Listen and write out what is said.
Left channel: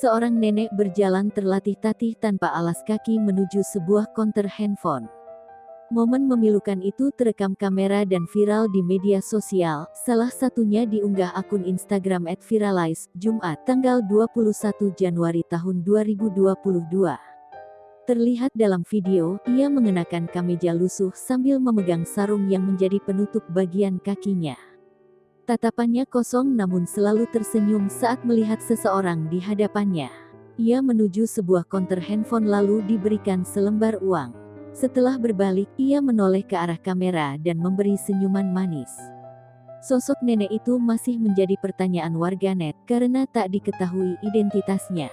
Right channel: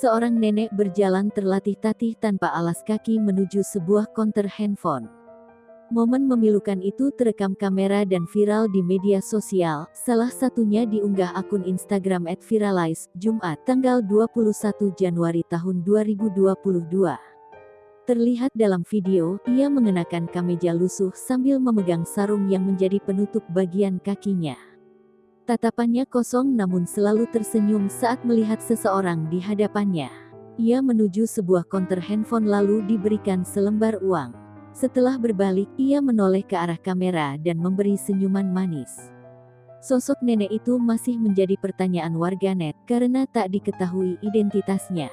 Seorang nenek berjalan terlatih-tatih tanpa alas kaki menuju sebuah konter handphone. Momen memilukan itu terekam kamera dan viral di media sosial, salah satunya diunggah akun Instagram @viralize, Jumat, tanggal 21 Januari tahun 2022. Terlihat dalam video, ia mengenakan kemeja lusuh sambil memegang sarung yang menjadi penutup bagian kakinya. Tatapannya kosong namun selalu tersenyum saat melihat seseorang di hadapannya. Ia menuju sebuah konter handphone lalu diberikan selembar uang. Setelah berbalik, ia menoleh ke arah kamera dan memberi senyuman manis. Sosok nenek itu masih menjadi pertanyaan warganet karena tak diketahui identitasnya.